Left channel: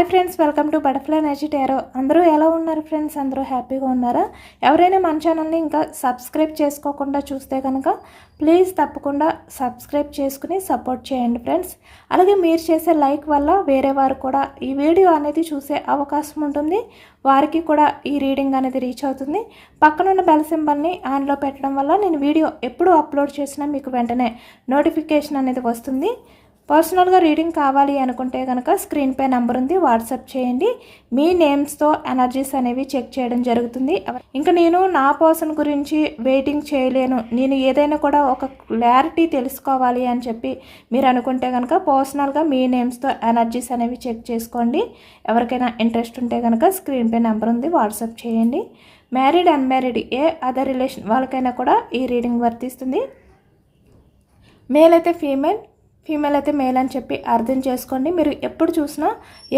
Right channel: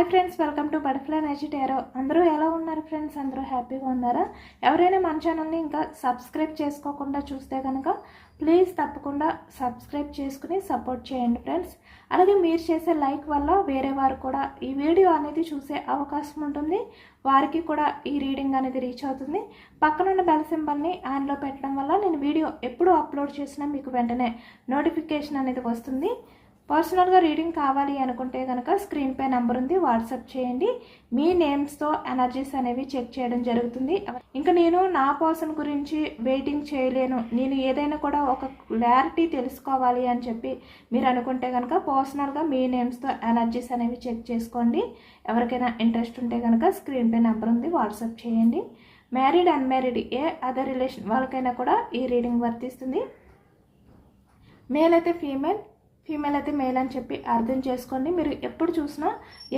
Hi friends, welcome to butterfly energy tarot. అందరూ ఎలా ఉన్నారు ఫ్రెండ్స్? అందరూ హ్యాపీగా ఉన్నారా? ఎవరైనా మన ఛానల్ని ఇంకా సబ్స్క్రైబ్ చేసుకోకుండా చూస్తే కనుక ప్లీజ్ తప్పకుండా సబ్స్క్రైబ్ చేసుకుని సపోర్ట్ చేయండి ఫ్రెండ్స్. అలాగే మీరు చేసే లైక్ వల్ల వేరే వారు కూడా ఈ వీడియో అనేది చూసే అవకాశం ఉంటుంది. వారికి కూడా ఈ రీడింగ్ అనేది రీచ్ అవుతుంది. పక్కనున్న బెల్ సింబల్ని ఆన్లో పెట్టడం వల్ల నేను వీడియో ఎప్పుడు అప్లోడ్ చేసినా మీకు వెంటనే నోటిఫికేషన్ అనేది వస్తుంది. పర్సనల్గా రీడింగ్ కావాలి అనుకుంటే కనుక స్క్రీన్పై నెంబర్ ఉంది, వాట్సాప్ చేయండి. మీ నేమ్స్తో ఎనర్జీస్ అనేవి చెక్ చేయడం జరుగుతుంది. ఇంకా నేను నా పర్సన్ గురించి వెయిటింగ్ చేయలేను, నేను ఏదైనా కూడా ఒక క్లారిటీ తెలుసుకోవాలి అని చెప్పి మీరు అనుకుంటే కనుక పర్సనల్గా మీ నేమ్స్తో ఎనర్జీస్ అనేవి చెక్ చేసుకోండి. ఎవరికైనా ఇంట్రెస్ట్ ఉంటే కనుక స్క్రీన్పై నెంబర్ ఉంది, వాట్సాప్ చేయండి. మ్యారీడ్ అన్మ్యారీడ్ ఏ అదర్ రిలేషన్ వాళ్ళకైనా కూడా ఈ రీడింగ్ వర్తిస్తుంది. మేల్ అయితే ఫీమేల్ అయితే మేల్ అని చెప్పి అర్థం చేసుకోండి. మీరు ఎప్పుడు చూసినా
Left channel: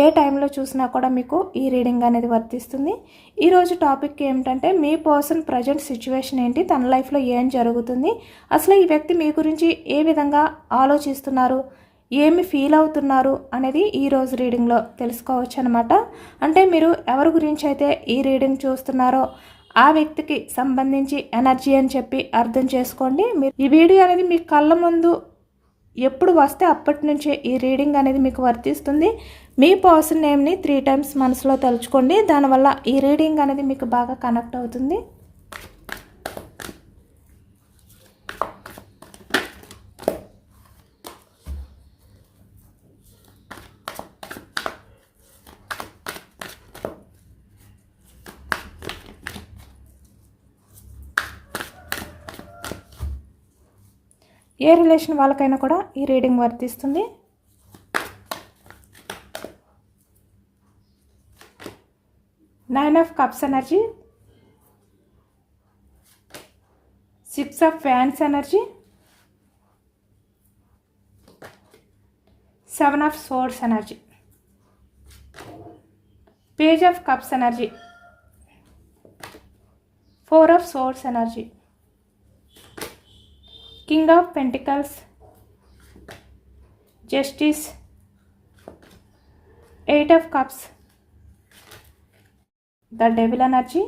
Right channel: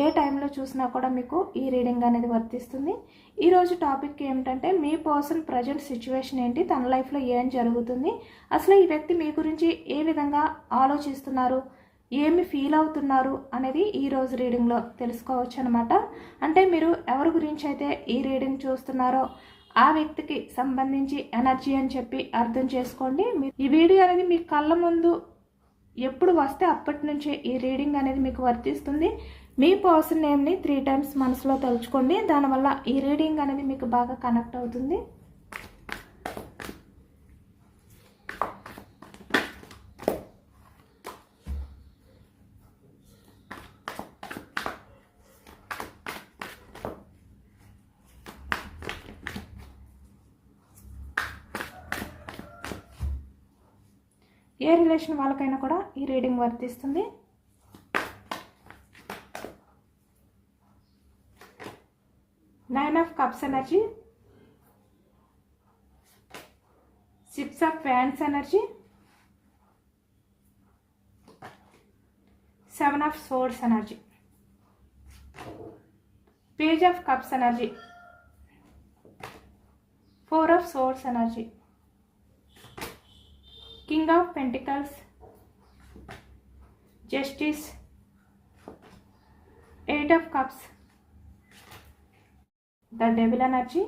ఏ టైంలో చూసినా కూడా మీకు ఈ రీడింగ్ అనేది వర్తిస్తుంది. ఈరోజు టాపిక్ ఏమిటంటే మీ పర్సన్ ప్రజెంట్ సిచ్యువేషన్ ఏంటి, తన లైఫ్లో ఏం జరుగుతుంది, అసలు ఈ వ్యక్తి మీ గురించి ఏ విధంగా ఆలోచిస్తున్నారు, ఏమి ఫీల్ అవుతున్నారు అనేది ఈరోజు రీడింగ్లో తెలుసుకోవచ్చు అనమాట. అంటే మీరు ఎవరి గురించి అయితే ఈ రీడింగ్ చూస్తున్నారో ఆ వ్యక్తికి సంబంధించి ఎనర్జీ అని చెప్పి అర్థం చేసుకోండి. మీరు ఈ వీడియో అనేది మీ కళ్ళ ముందు ఎప్పుడు వస్తే అప్పటి నుంచే ఈ రీడింగ్ అనేది మీకు వర్తిస్తుంది. మీ పర్సన్ నేమ్ని 3 times మనసులో తలుచుకోండి. దానివల్ల ఈ రీడింగ్ అనేది మీకు బాగా కనెక్ట్ అవుతుంది. ఏ రిలేషన్ వాళ్ళకైనా కూడా ఈ రీడింగ్ వర్తిస్తుంది. Nine of cups energy, 6 of fans energy, 7 of swords energy, page of cups energy, 4 of swords energy, King of Pentacles, Justice, 8 of Cups, the Devil energy,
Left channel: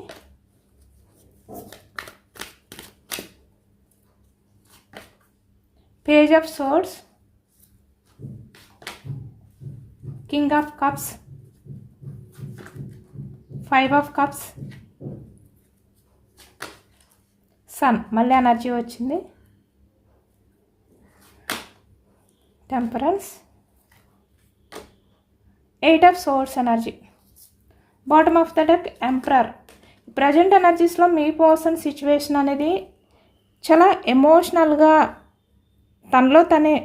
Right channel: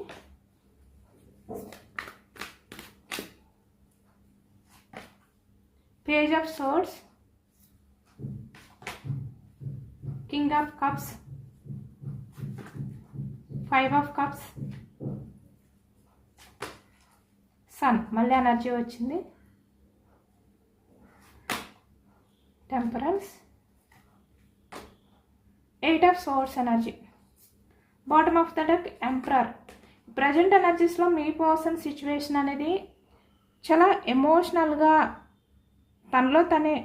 Page of Swords, King of Cups, 5 of Cups, Sun. మళ్ళీ energy వచ్చింది. Temperance, 8 of Swords energy, bottom of the deck Emperor. Present ఎనర్జీస్లో మీ person situation అనేది చాలా ఎమోషనల్గా తనలో తనే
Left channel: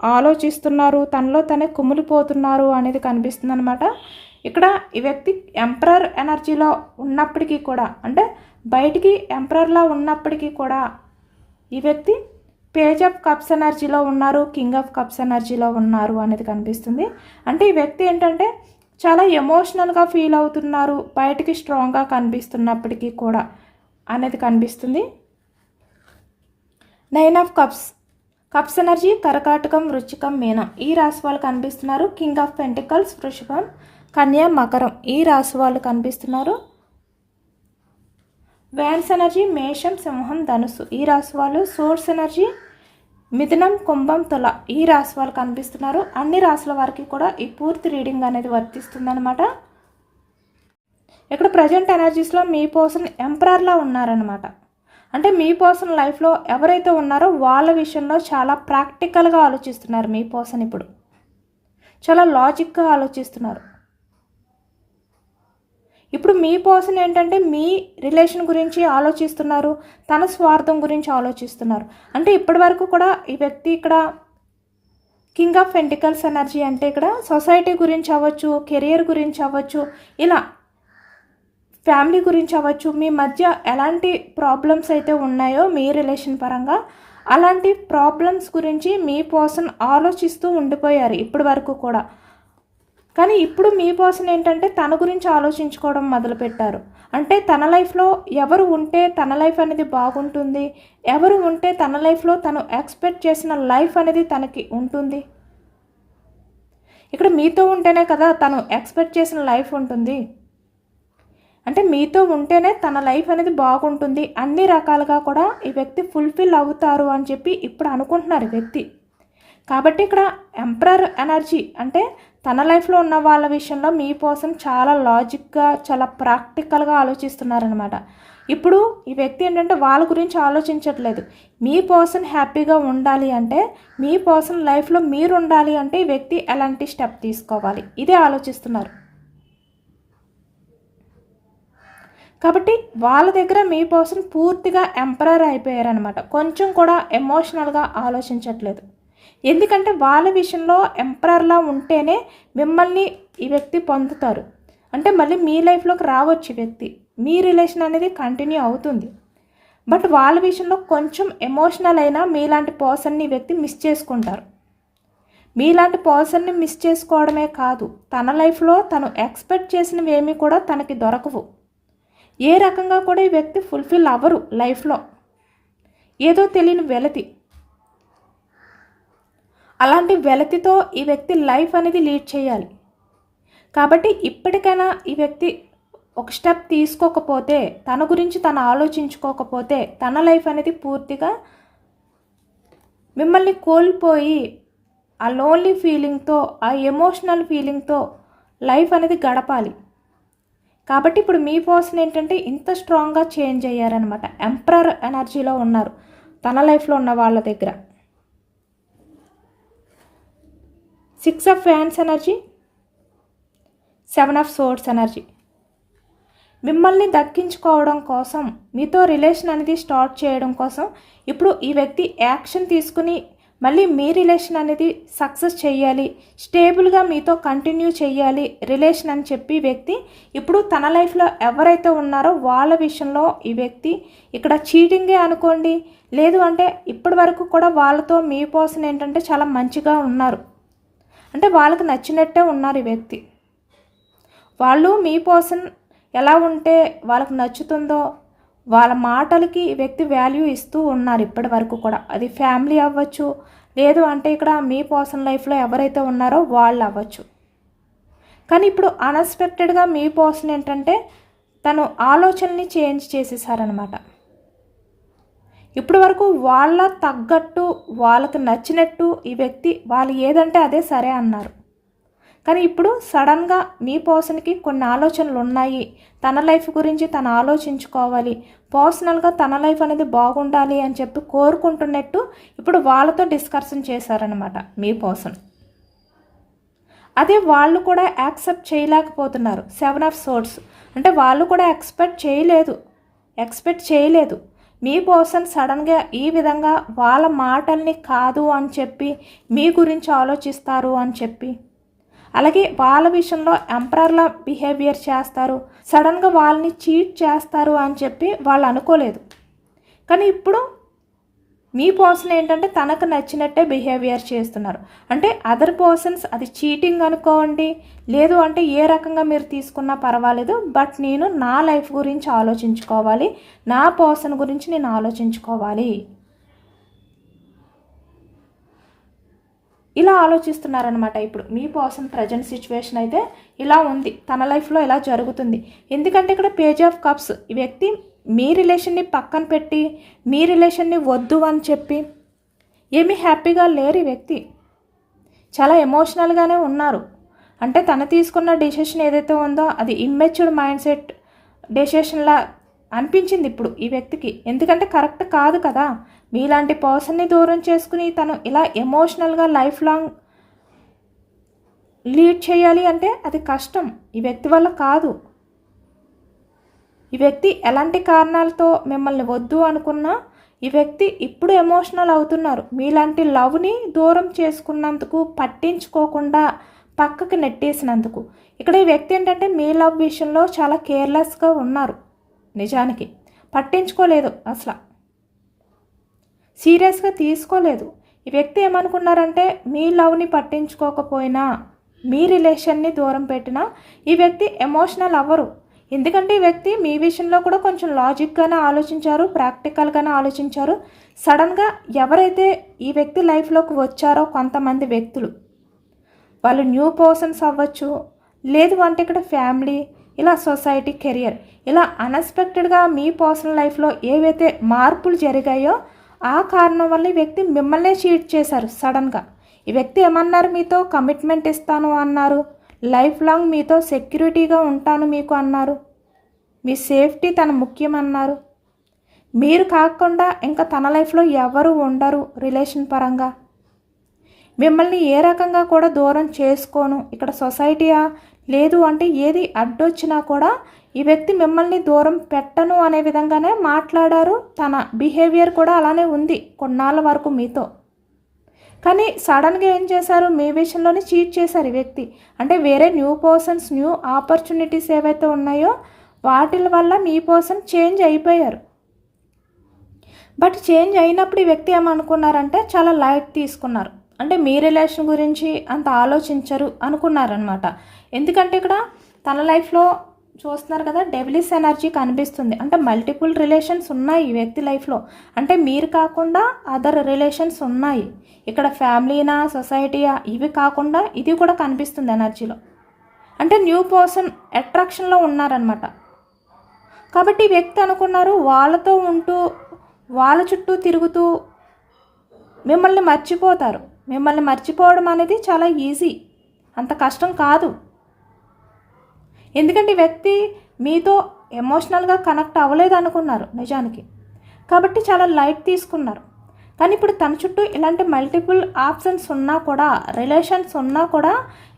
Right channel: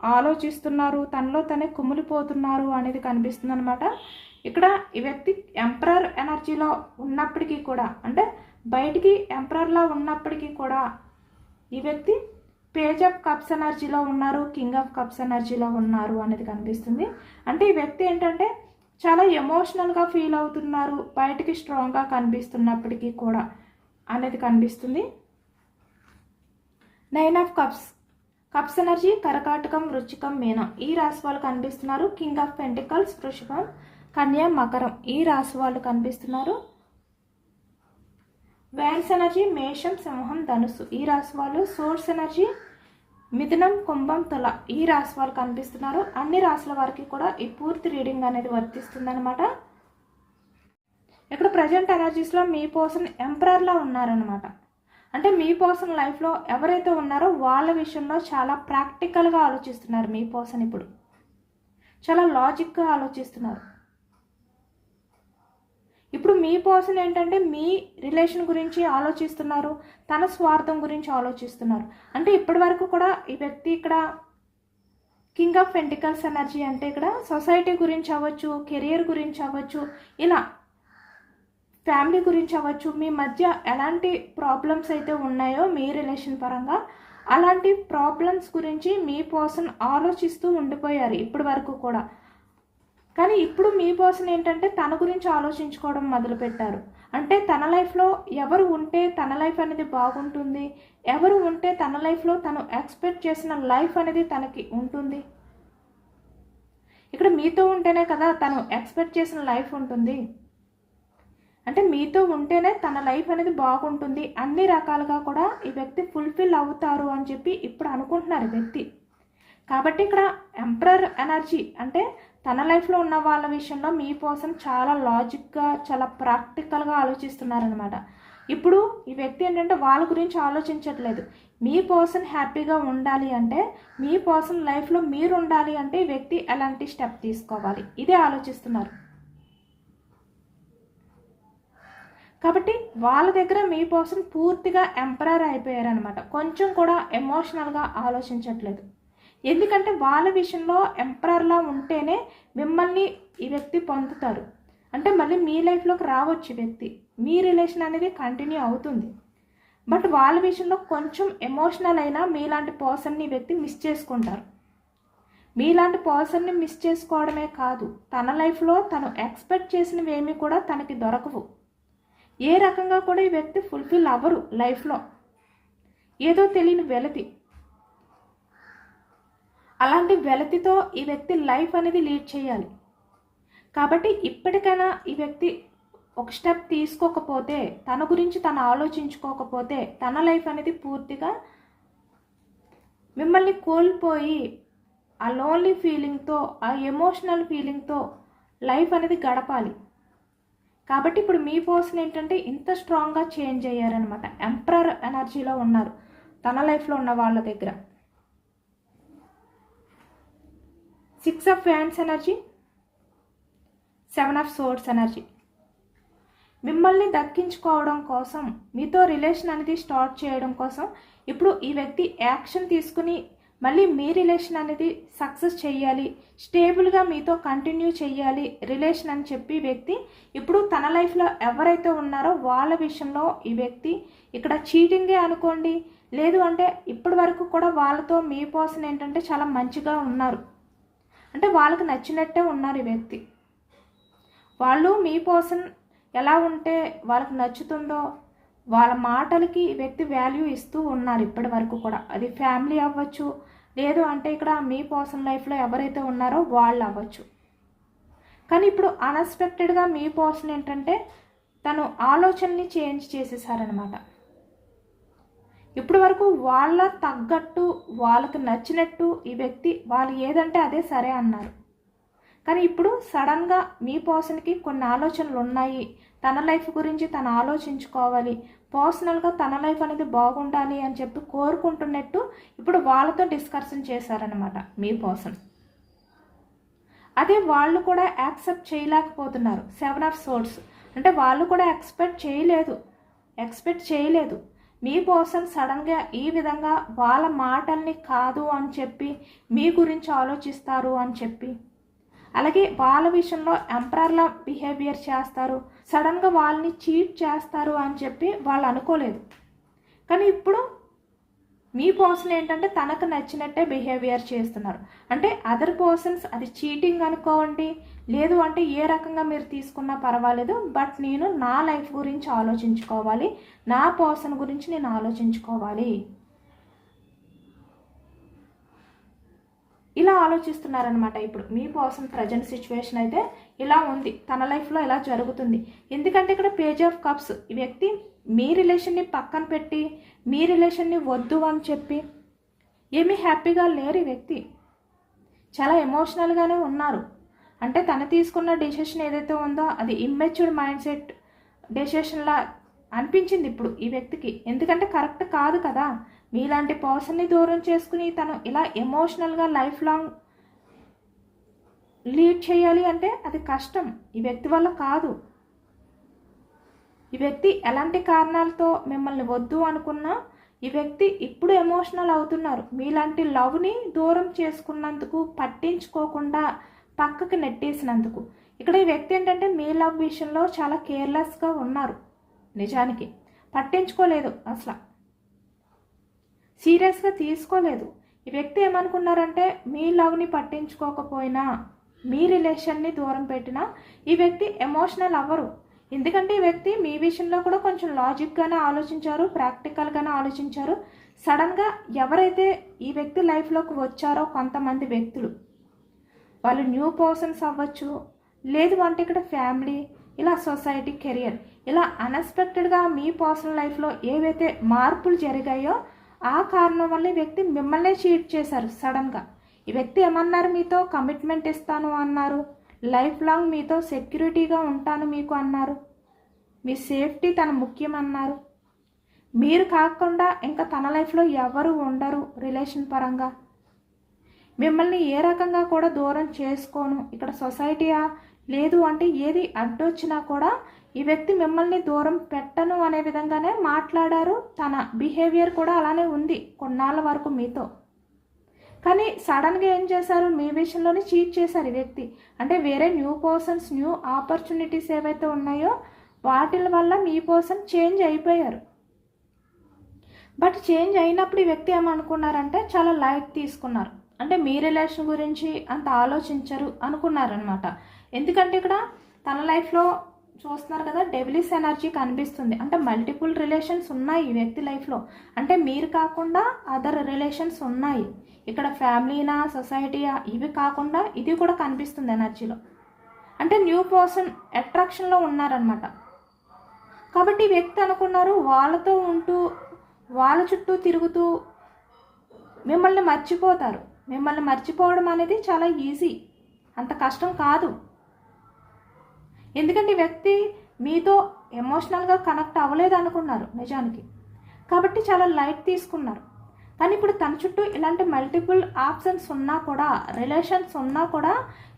ఆలోచిస్తున్నారు, తనలో తనే కుమిలిపోతున్నారు అనేది కనిపిస్తుంది అనమాట. ఇక్కడ ఈ వ్యక్తి ఎంపరర్ ఎనర్జీలో ఉన్నప్పటికీ కూడా, అంటే బయటికి ఎంపరర్లా ఉన్నప్పటికీ కూడా ఈ వ్యక్తి పేజ్ ఆఫ్ కప్స్ ఎనర్జీలో ఉన్నారు, కింగ్ ఆఫ్ కప్స్ ఎనర్జీలో ఉన్నారు అనేది కనిపిస్తుంది. అంటే ఈ వ్యక్తి ఏంటంటే చాలా ఎమోషనల్గా ఫీల్ అవుతున్నారు, బయటికి స్ట్రాంగ్గా కనిపిస్తున్నప్పటికీ కూడా అనేది కనిపిస్తుంది. 9 ఆఫ్ కప్స్ ఎనర్జీ కర్కాటకం, వృశ్చికం, మీనం ఈ రాశి వాళ్ళు కనిపిస్తున్నారు. కింగ్ ఆఫ్ పెంటికల్స్ వృషభం, కన్యా, మకరం ఈ రాశి వాళ్ళు కనిపిస్తున్నారు. వ్యాన్స్ ఎనర్జీ మేషం, సింహం, ధనుసు ఈ రాశి వాళ్ళు. సోర్స్ ఎనర్జీ మిథునం, కుంభం, తుల ఈ రాశి వాళ్ళు కనిపిస్తున్నారు. అన్ని రాశుల వారికి కూడా ఈ పూర్తి రీడింగ్ అనేది వర్తిస్తుంది అనమాట. ఇక్కడ ప్రజెంట్ ఎనర్జీస్లో మీ పర్సన్ ఎంపరర్లా ఉన్నారనమాట. అంటే మీ పర్సన్ లైఫ్లో ఎవరైతే ఉన్నారో వాళ్ళ విషయంలో చాలా ప్రాక్టికల్గా ఆలోచిస్తున్నారు. మీ పర్సన్ ఇప్పుడు చాలా లాజిక్గా ఆలోచిస్తున్నారు. ఇప్పుడు మీ పర్సన్ ఏంటంటే మీ రిలేషన్ గురించి ఆలోచిస్తున్నారు, తన స్వార్థం గురించి ఆలోచిస్తున్నారు. అంటే ఇప్పటి వరకు కూడా ఈ వ్యక్తి ఇక్కడ కింగ్ ఆఫ్ పెంటికల్స్ ఎనర్జీ అంటే ఇక్కడ సొసైటీ గురించి అవ్వచ్చు, కెరియర్ గురించి అవ్వచ్చు, ఇలా ఫ్యామిలీ గురించి అవ్వచ్చు, మీ మధ్య ఎలాంటి ప్రాబ్లమ్స్ అయితే ఉన్నాయో మీ రిలేషన్ పరంగా అలాంటి ప్రాబ్లమ్స్ గురించి మీ పర్సన్ ఆలోచిస్తూ ఉండిపోయారు ఇప్పటి వరకు కూడా. కానీ ఇప్పుడు మీ పర్సన్ ఏంటంటే తన గురించి ఆలోచించుకోవడం మొదలుపెట్టారు. అంటే తన లైఫ్లో ఎవరు ఉంటే తన లైఫ్ అనేది బాగుంటుంది, ఎవరు ఉంటే తన లైఫ్లో తను ఎక్స్పెక్ట్ చేసిన లైఫ్ అనేది తనకి ఉంటుంది, ఇక్కడ మీతో ఉంటేనే కదా తను ఎక్స్పెక్ట్ చేసిన లైఫ్ ఉంటుంది. అంటే మీతో ఉంటేనే తన లైఫ్ అనేది బాగుంటుంది, అన్ని రకాలుగా కూడా ఈ వ్యక్తి ఫుల్ఫిల్ అవుతారు అని చెప్పి ఇప్పుడు అనుకుంటున్నారు ఈ వ్యక్తి. కాబట్టి ఇక్కడ ఎంపరర్ ఎనర్జీ అంటే తన లైఫ్లో ఉన్న వాళ్ళ విషయంలో మీ పర్సన్ చాలా లాజిక్గా చాలా ప్రాక్టికల్గా ఆలోచిస్తున్నారనమాట. ఇప్పుడు ఈ వ్యక్తి ఏంటంటే వాళ్ళ గురించి ఆలోచించట్లేదు. మీ పర్సన్ హ్యాపీగా ఉండాలి అంటే, మీ పర్సన్ లైఫ్లో మీరు ఉండాలి అంటే ఈ వ్యక్తి ఎలాంటి స్టెప్ తీసుకోవాలి ఇదే ఆలోచిస్తున్నారు. కాబట్టి వాళ్ళ దగ్గర మీ పర్సన్ పూర్తిగా ఎంపరర్ అయిపోయారనమాట. కొంచెం కూడా ఎమోషనల్గా ఆలోచించట్లేదు. ఎందుకంటే వాళ్ళ విషయంలో ఎంపరర్లా ఉంటేనే మిమ్మల్ని ఈ వ్యక్తి పొందుతారు. అంటే మళ్ళీ మీ లైఫ్లోకి రావచ్చు ఈ వ్యక్తి, మీ రిలేషన్ అనేది కంటిన్యూ అవుతుంది. బట్ వాళ్ళ విషయంలో కొంచెం ఎమోషనల్ అయినా మీలాంటి పర్సన్ని ఈ వ్యక్తి మిస్ చేసుకుంటారు. మీలాంటి పర్సన్ని మిస్ చేసుకోవడమే కాదు, తన లైఫ్లో తను ఎక్స్పెక్ట్ చేసినవి ఏమీ కూడా తనకి దొరకవు. ఏ రకంగా కూడా ఈ వ్యక్తి ఫుల్ఫిల్ అవ్వరు లైఫ్లో. ఏదో తెలియని వెలతి, అలాంటి వెలతితో ఈ వ్యక్తి లైఫ్ అనేది లీడ్ చేయాలి. కాబట్టి ఇప్పటికైనా ఈ వ్యక్తి ఒక స్టెప్ తీసుకోకపోతే, తన గురించి తను ఆలోచించుకోకపోతే తన లైఫ్ అనేది పూర్తిగా మిమ్మల్ని కోల్పోయి ఆ లోన్లీ ఫీలింగ్తో, ఆ ఎమోషనల్ ఫీలింగ్తో లైఫ్ అనేది గడపాలి. కాబట్టి ఇప్పుడు మీ పర్సన్ ఏంటంటే ఇంత స్ట్రాంగ్గా చేంజ్ అయ్యారనమాట. ఎంపరర్ ఎనర్జీలో ఉన్నారు తన లైఫ్లో ఉన్న వాళ్ళ దగ్గర. 6 of fans energy, 7 of swords energy. మిమ్మల్ని దక్కించుకోవడం కోసం, మీతో రిలేషన్ అనేది స్టార్ట్ చేయడం కోసం ఇప్పుడు ఈ వ్యక్తి యాక్షన్ తీసుకుని మళ్ళీ మీ రిలేషన్ అనేది సక్సెస్ చేయాలి, స్టేబుల్గా మీతో కంటిన్యూ చేయాలి రిలేషన్ అని చెప్పి వ్యక్తి ఇప్పుడు తన లైఫ్లో ఎవరైతే ఉన్నారో వాళ్ళ విషయంలో ఈ వ్యక్తి ఇక్కడ చీటింగే అనుకోండి, లేదు అంటే ఇప్పటి వరకు కూడా వాళ్ళతో మీ పర్సన్ ఏంటంటే చాలా మంచిగా ఉన్నారు, అంటే వాళ్ళకి నచ్చినట్టే ఉన్నారు ఈ వ్యక్తి. వాళ్ళు మీ పర్సన్ ఎలా ఉంటే వాళ్ళకి నచ్చుతుందో వాళ్ళ మాటలకి ఈ వ్యక్తి వాల్యూ ఇస్తూ ఉన్నారు ఇప్పటి వరకు కూడా. అది ఫ్యామిలీ అవ్వచ్చు, లేదు అంటే ఇక్కడ మీ పర్సన్ లైఫ్లో ఎవరైతే ఉన్నారో వాళ్ళు అవ్వచ్చు. కానీ ఇప్పుడు అన్ఎక్స్పెక్టెడ్గా మీ పర్సన్ ఏంటంటే తను ఆలోచనని చేంజ్ చేసేసారనమాట. ఇప్పటి వరకు వాళ్ళ తగ్గట్టు వాళ్ళకి నచ్చినట్టు ఈ వ్యక్తి వాళ్ళు ఏదంటే అదే సరే అన్నారు. కానీ ఇప్పుడు సడన్గా మీ పర్సన్కి కొన్ని ఆలోచనలు ఉన్నాయి, తన లైఫ్ గురించి తను ఆలోచించుకోవాలి, పర్సనల్గా తన లైఫ్ అనేది బాగుండాలి అని చెప్పి కోరుకుంటున్నట్టు ఇప్పుడు వాళ్ళతో డిస్కషన్ చేశారనమాట మీ పర్సన్. అదే వాళ్ళు కూడా యాక్సెప్ట్ చేయలేకపోతున్నారు. 7 ఆఫ్ సోర్డ్స్ అంటే వాళ్ళు కూడా ఎక్స్పెక్ట్ చేయలేదు మీ పర్సన్ సడన్గా ఈ విధంగా వాళ్ళ మాటల్ని కాదు అని చెప్పి మీ గురించి ఆలోచిస్తారు అని చెప్పి, అలాగే వాళ్ళ విషయంలో ఎంపరర్లా బిహేవియర్ చేస్తారు, సడన్గా వాళ్ళని చీట్ చేస్తారు అని చెప్పి వాళ్ళు అనుకోలేదు. కానీ ఇప్పుడు మీ పర్సన్ ఏంటంటే తనకు నచ్చినట్టే బిహేవియర్ చేస్తున్నారు. అంటే అదర్ పర్సన్స్ అది చీటింగ్ అనుకోండి, లేదు అంటే ఏ రకంగా మీరు తీసుకున్నా పర్వాలేదు, బట్ నేను నా లైఫ్ గురించి ఆలోచించుకోవాలి, నా పర్సన్ గురించి నేను ఆలోచించుకోవాలి, ఇలా ఆలోచిస్తున్నారనమాట. ఇప్పుడు మీ పర్సన్ ప్రజెంట్ సిచ్యువేషన్ అయితే ఇలా ఉంది, తన లైఫ్లో ఇలా జరుగుతుంది. ఎందుకంటే ఇక్కడ పేజ్ ఆఫ్ కప్స్, ఈ వ్యక్తి మీ రిలేషన్ని పక్కన పెట్టి మీ రిలేషన్ని వద్దు అని చెప్పి ఏమీ హ్యాపీగా లేరు. ఈ వ్యక్తి చాలా ఎమోషనల్గానే ఉన్నారు. అంటే తను తీసుకున్న డెసిషన్ ఏదైతే ఉందో అది ఇమ్మెచ్యూర్డ్ మైండ్ సెట్ డెసిషన్లా అనిపించింది ఇప్పుడు ఈ వ్యక్తికి. ఎందుకంటే కరెక్ట్ కాదు కదా, మీలాంటి పర్సన్ని దూరం చేసుకుని తను ఇలా ఎమోషనల్గా లైఫ్ లాంగ్ లీడ్ చేయాలి అంటే అది కష్టం, ఈ వ్యక్తి వల్ల కాదు. ఈ వ్యక్తి ఎలాంటి కారణాలతో మిమ్మల్ని వద్దు అనుకున్నా ఈ వ్యక్తి ఇప్పుడు ఎమోషనల్ అవుతున్నారు. మీలాంటి లవ్ని దూరం చేసుకున్నందుకు, పట్టించుకోకుండా పక్కకి నెట్టేసినందుకు. ఇక్కడ ఈ వ్యక్తి ఏంటంటే మీ లవ్ విషయంలో చాలా కేర్లెస్గా ఉన్నారు. నిజానికి పట్టించుకోలేదు, అసలు సీరియస్గా తీసుకోలేదు. ఈ వ్యక్తి ఏమనుకున్నారంటే మీ లవ్ని పట్టించుకోకపోయినా, మీ రిలేషన్ని దూరం పెట్టినా ఈ వ్యక్తి ఎమోషనల్ అవ్వరు. ఎందుకంటే ఈ వ్యక్తి మీ విషయంలో కూడా కొంచెం లాజిక్గానే ఆలోచించారు, ప్రాక్టికల్గానే ఆలోచించారు. సడన్గా ఎవరైతే ఈ వ్యక్తి లైఫ్లోకి వచ్చారో కొంతమంది వ్యక్తులు, వాళ్ళు న్యూ పర్సన్స్ అవ్వచ్చు, లేదు అంటే ఇక్కడ ఫ్యామిలీ, ఇలా సొసైటీ, కెరియర్, ఇలా అన్ఎక్స్పెక్టెడ్గా మీ పర్సనల్ లైఫ్లో ఏవైతే మార్పులు జరిగాయో ఆ కారణం వల్ల ఈ వ్యక్తి మిమ్మల్నే చీట్ చేశారు సడన్గా. ఈ వ్యక్తి ఏమన్నారు, మీతో కమిట్మెంట్ ఇస్తాను అన్నారు, లైఫ్ లాంగ్ మీతో సెక్యూరిటీగా ఉంటాను మీకు అన్నారు, మీ సేఫ్టీ తన ముఖ్యం అన్నారు. మీరు కాకుండా ఇంకా తన లైఫ్లో ఎవరు ఉండరు రిలేషన్ పరంగా, మిమ్మల్ని ఏ రకంగా కూడా దూరం చేసుకోను, ఇక్కడ సొసైటీయా లేదు అంటే ఏది అడ్డొచ్చినా కూడా ఈ వ్యక్తి మిమ్మల్ని దూరం పెట్టను అనే విధంగానే మాట్లాడారు. తన బిహేవియర్ కూడా అలానే ఉంది కొన్నాళ్ళ వరకు మీతో. కానీ సడన్గా ఏం చేశారు, మీ విషయంలోనే చీట్ చేశారు ఈ వ్యక్తి. అంటే వేరే న్యూ పర్సన్స్, న్యూ ఆపర్చునిటీస్ ఏవైతే ఉన్నాయో వాటి వల్ల మీ పర్సన్ చేంజ్ అయిపోయారు. బట్ చేంజ్ అయినప్పుడు ఈ వ్యక్తి ఏమనుకున్నారంటే చాలా లైట్ తీసుకున్నారు. అంటే మీ రిలేషన్ గురించి అంత ఆలోచించరు అనుకున్నారనమాట. ఎందుకంటే ఇక్కడ తన లైఫ్లో చూస్తున్నారు కదా, డెవిలిష్ ఎనర్జీ కనిపిస్తుంది. అంటే మల్టిపుల్ రిలేషన్స్ ఉన్నాయి ఈ వ్యక్తి లైఫ్లో. అంటే మీరు కాకుండా అదర్ రిలేషన్స్ ఉన్నాయి. ఇక్కడ ఫ్యామిలీనా, సొసైటీయా ఇవి కాకుండా ఇది కూడా కనిపిస్తుంది ఎనర్జీలో. అంటే న్యూ పర్సన్ అట్రాక్షన్లో ఉన్నారనమాట. కాబట్టి ఈ వ్యక్తి అనుకున్నారు వాళ్ళతో ఉంటూ వాళ్ళ చుట్టూ తిరుగుతూ మిమ్మల్ని మర్చిపోతారు. మిమ్మల్ని మర్చిపోవడం అనేది చాలా ఈజీ, అంత కష్టం కాదు. ఎందుకంటే ఈ వ్యక్తి మీతో ఎమోషనల్గా కనెక్ట్ అవ్వలేదు అనుకున్నారు నిజానికి. కాబట్టి చాలా లైట్ తీసుకున్నారు. కానీ ఇప్పుడు తన చుట్టూ ఇలాంటి మల్టిపుల్ ఆప్షన్స్ ఉన్నా కూడా, రిలేషన్స్ ఉన్నా కూడా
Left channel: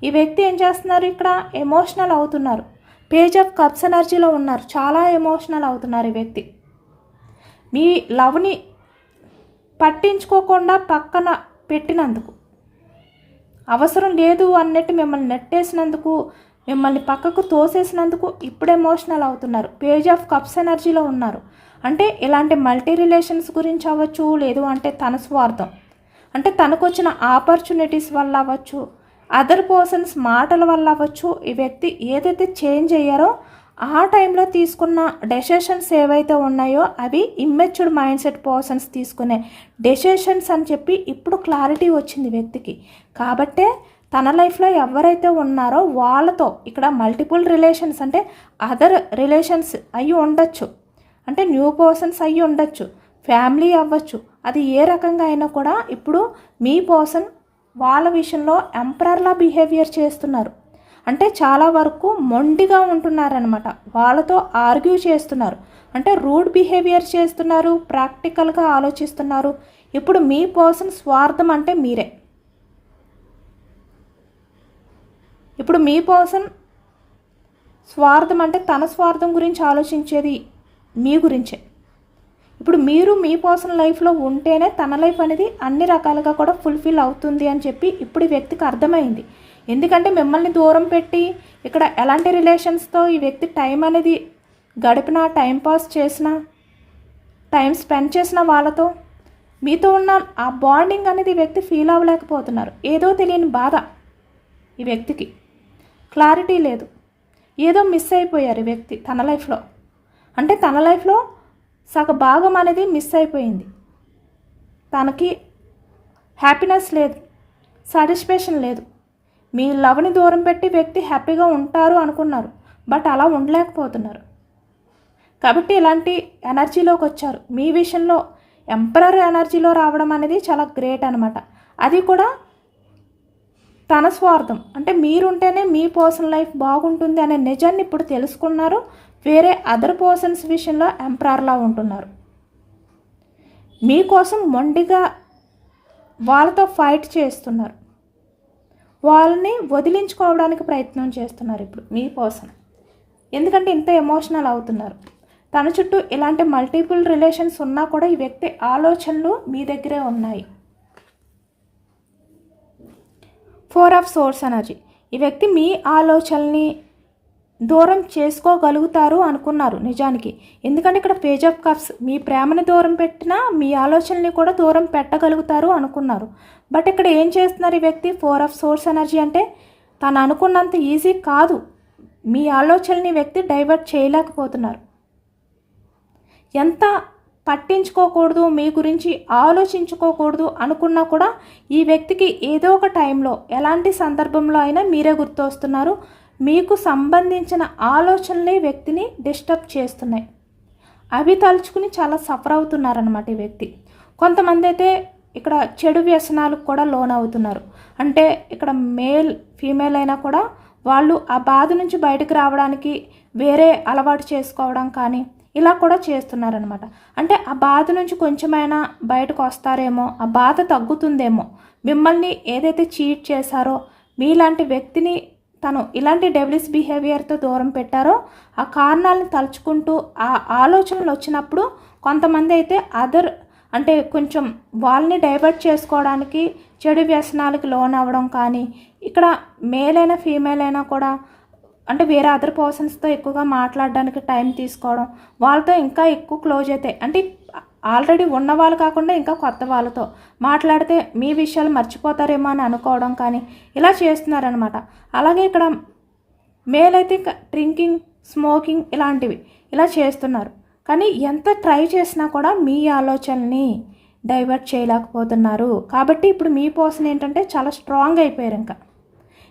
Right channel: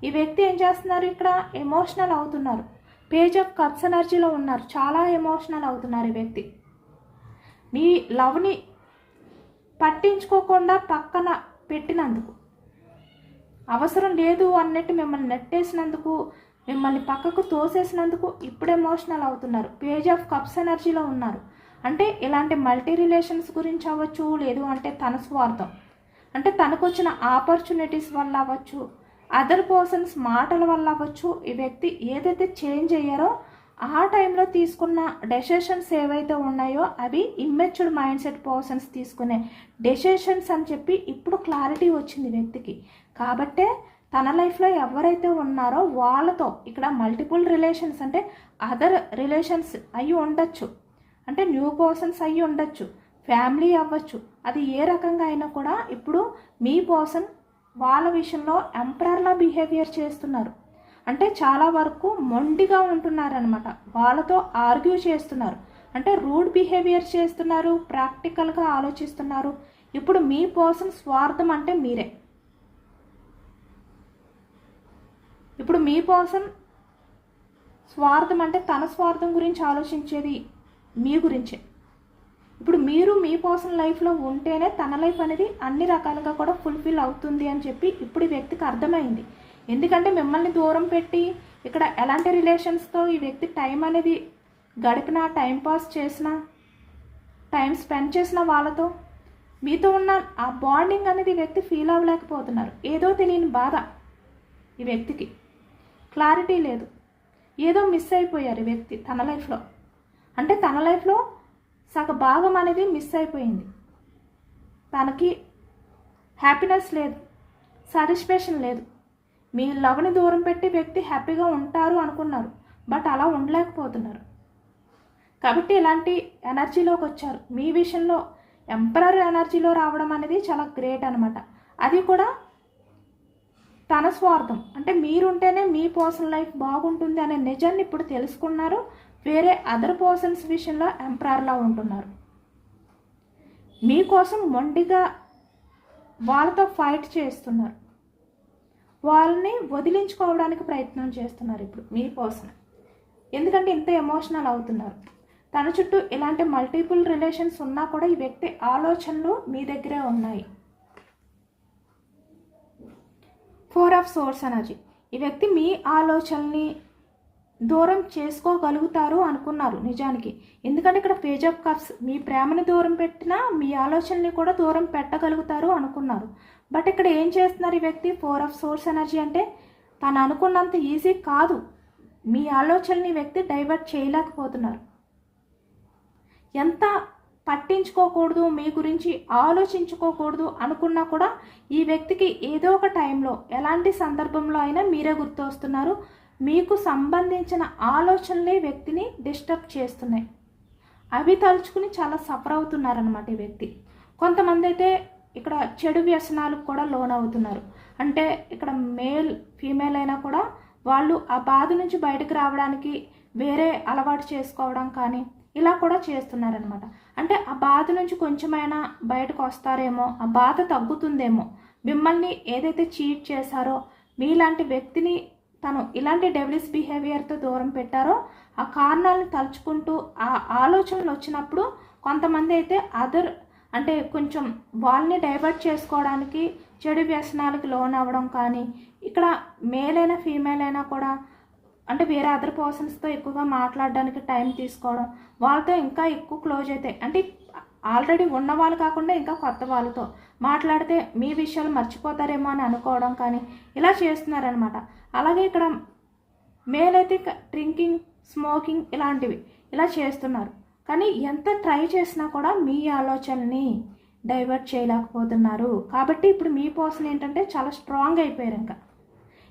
ఈ వ్యక్తి ఏం చేస్తున్నారు, ఇక్కడ ఎమోషనల్ అవుతున్నారు. పేజ్ ఆఫ్ కప్స్ ఎనర్జీలో ఉన్నారు, చాలా ఎమోషనల్ అవుతున్నారు ఈ వ్యక్తి. మీ లవ్ని పట్టించుకోకుండా పక్కన పెట్టినందుకు, అవసరం లేదు అన్నట్టు మిమ్మల్ని నెట్టేసినందుకు, మిమ్మల్ని పక్కకు తోసేసినందుకు ఇప్పుడు ఎమోషనల్ అవుతున్నారు. పేజ్ ఆఫ్ కప్స్ ఎనర్జీలో ఉన్నారు. అంటే ఇలాంటి మల్టీ రిలేషన్స్ గురించి అవ్వచ్చు, లేదు అంటే తన స్వార్థం, అంటే తనకు వచ్చిన ఆపర్చునిటీస్ వల్ల అవ్వచ్చు, అదర్ పర్సన్స్ మాటల వల్ల అవ్వచ్చు, ఈ వ్యక్తి ఏదైతే చేంజ్ అయ్యారో ఆ టైంలో తీసుకున్న డెసిషన్స్ ఏవైతే ఉన్నాయో అవి ఇమ్మెచ్యూర్డ్ మైండ్ సెట్ పర్సన్స్ తీసుకునే డెసిషన్స్ అని చెప్పి ఇప్పుడు క్లారిటీ వచ్చింది వ్యక్తికి. కాబట్టే తన లైఫ్లో ఎవరైతే ఉన్నారో వాళ్ళతో ఇక్కడ మల్టిపుల్ రిలేషన్స్, అంటే అదర్ రిలేషన్స్ అయ్యి ఉండొచ్చు, అంటే న్యూ పర్సన్స్ అయ్యి ఉండొచ్చు, ఫ్యామిలీ అవ్వచ్చు, అది ఏ రకంగా అయినా కూడా ఇప్పుడు మీ పర్సన్ వాళ్ళ విషయంలో ఎంపరర్లా బిహేవియర్ చేస్తున్నారు. అంటే చాలా వరకు మొండిగా ఉంటున్నారనమాట. వాళ్ళతో ఆర్గ్యూ చేస్తున్నారు, అంటే రూడ్ బిహేవియర్ చేస్తున్నారు, ప్రాక్టికల్గా ఆలోచిస్తున్నారు. ఇప్పుడు మీ పర్సన్ స్వార్థం అంటే మీరే. ఇప్పుడు మీ పర్సన్ స్వార్థం అంటే తన స్వార్థం గురించి ఆలోచించేది మీ గురించే. ఇప్పుడు మీరు మీ పర్సనల్ లైఫ్లో ఉంటేనే తన లైఫ్ అనేది అన్ని రకాలుగా కూడా ఫుల్ఫిల్ అవుతుంది అని చెప్పి ఇప్పుడు ఈ వ్యక్తికి అర్థమైంది. ఎందుకంటే మిమ్మల్ని దూరం పెట్టి ఇక్కడ ఎలాంటి రిలేషన్స్తో ఈ వ్యక్తి టైం అనేది గడిపినా, టైం పాస్ చేసినా, టైం స్పెండ్ చేసిన వాళ్ళతో మీతో ఉన్న ఆ బాండింగ్ అనేది ఈ వ్యక్తి ఫీల్ అవ్వలేకపోతున్నారు. ఏదో తెలియని బాధ ఈ వ్యక్తికి, క్లారిటీ లేదు, ఏదో మిస్ అయిపోయారు ఈ వ్యక్తి తన లైఫ్లో. అంటే తన లైఫ్లో సగ భాగం అనేది మిస్ అయిపోయింది. తనకి హ్యాపీనెస్ లేదు, సాటిస్ఫాక్షన్ లేదు. మీ లవ్ని దూరం పెట్టి వ్యక్తి హ్యాపీగా ఉంటారు అనుకున్నారు, బట్ అలా ఉండలేకపోతున్నారు. కాబట్టి ఇలాంటి ఎనర్జీలోకి వచ్చారు. మీ విషయంలో ఎంపరర్ ఎనర్జీలో రావడం అనేది చాలా గ్రేట్ అనమాట. అది కూడా తన స్వార్థం, అంటే మీరుంటేనే మీ పర్సనల్ లైఫ్ బాగుంటుంది అనే నిజాన్ని ఇప్పుడు తెలుసుకున్నారు. వేరే అదర్ పర్సన్స్ విషయంలో ఎంపరర్లా ఉంటున్నారు. మీకోసం మొండిగా వాళ్ళతో ఫైట్ చేస్తున్నారు, వాళ్ళని వదిలించుకోవడానికి ప్రయత్నం చేస్తున్నారు ఇప్పుడు మీ పర్సన్. ఎందుకంటే ఇంత ఎమోషనల్ అవుతున్నారు. తన చుట్టూ ఇలాంటి మల్టిపుల్ రిలేషన్స్ ఉన్నా కూడా ఈ వ్యక్తి ఆలోచనలు మీ దగ్గరే ఉన్నాయి. 4 ఆఫ్ సోర్స్ ఎనర్జీ. ఈ వ్యక్తి మీ ఆలోచనల్ని దూరం చేసుకోగలుగుతారు అనుకున్నారు నిజానికి. ఎందుకంటే ఇక్కడ పేజ్ ఆఫ్ కప్స్, మీ ప్రేమని దూరం పెట్టినా మీ ఆలోచనల్ని కూడా దూరం పెట్టగలుగుతారు అనుకున్నారు. బట్ ఇక్కడ ఏం చేస్తున్నారు ఈ వ్యక్తి, 4 ఆఫ్ సోర్స్ ఎనర్జీ అంటే తను అనుకున్నంత ఈజీ కాదు. మీ ఆలోచనని వ్యక్తి డైవర్ట్ చేయలేకపోతున్నారు. ఎంత పట్టించుకోకూడదు, మీ గురించి ఆలోచించుకోకూడదు అనుకున్నా కూడా ఈ వ్యక్తికి ఏదో ఒక టైంలో ఎలాంటి సందర్భంలో అయినా మీరే గుర్తొస్తున్నారు. మీకు సంబంధించిన ఆలోచనలే వ్యక్తిని డిస్టర్బ్ చేస్తున్నాయి. అవి తలుచుకుని చాలా సఫర్ అవుతున్నారనమాట ఈ వ్యక్తి. కొంతమంది అయితే ఇక్కడ చెడు వ్యసనాలకు కూడా లోన్ అవుతున్నారు. అంటే ఇక్కడ మేల్ ఫీమేల్ అయినా కూడా వాళ్ళు ఆ బాధ నుంచి బయటకు రావడానికి వేరే అలవాటు చేసుకోవడం కానీ ఇలా కూడా చేస్తున్నారనమాట. అంటే ఆ బాధ నుంచి కొంచెమైనా బయటకు వస్తారేమో, ఆ బాధ తగ్గుతుందేమో, మిమ్మల్ని ఏదైతే చీట్ చేశారో మీలాంటి వ్యక్తిని తను ఇలాంటి డెవిలిస్ బిహేవియర్తో దూరం పెట్టారో ఆ కారణాలను తలుచుకుంటూ ఆ ఆలోచనలు వచ్చినప్పుడు కొంతమంది అయితే అంటే కొంచెం వాళ్ళని డైవర్ట్ చేసుకోవడానికి చెడు వ్యసనాలకు లోన్ అవ్వడం కానీ, ఇక్కడ మేల్ అయినా ఫీమేల్ అయినా కూడా అంటే వేరే అదర్ పర్సన్స్తో ఎక్కువగా మాట్లాడడానికి టైం తీసుకోవడం, వాళ్ళతో ఇంకా ఎక్కువ క్లోజ్ అవుతాయి. అంటే ఆల్రెడీ ఉన్న వాళ్ళు కాకుండా ఇంకా కొత్త వాళ్ళతో మాట్లాడితే మీ విషయాలు మర్చిపోతారేమో అని అనుకోవడం కానీ ఇలా చేస్తున్నారనమాట. అలాగే ఇక్కడ మేల్ అయితే డ్రింకింగ్, స్మోకింగ్ ఇలాంటివి ఇలా చేస్తున్నారు. కానీ ఎంత ట్రై చేసినా కూడా మీ ఆలోచనని డైవర్ట్ చేయలేకపోతున్నారు. కాబట్టి ఇప్పుడు మీ పర్సన్ ఏంటంటే చాలా స్ట్రాంగ్ అయిపోయారు.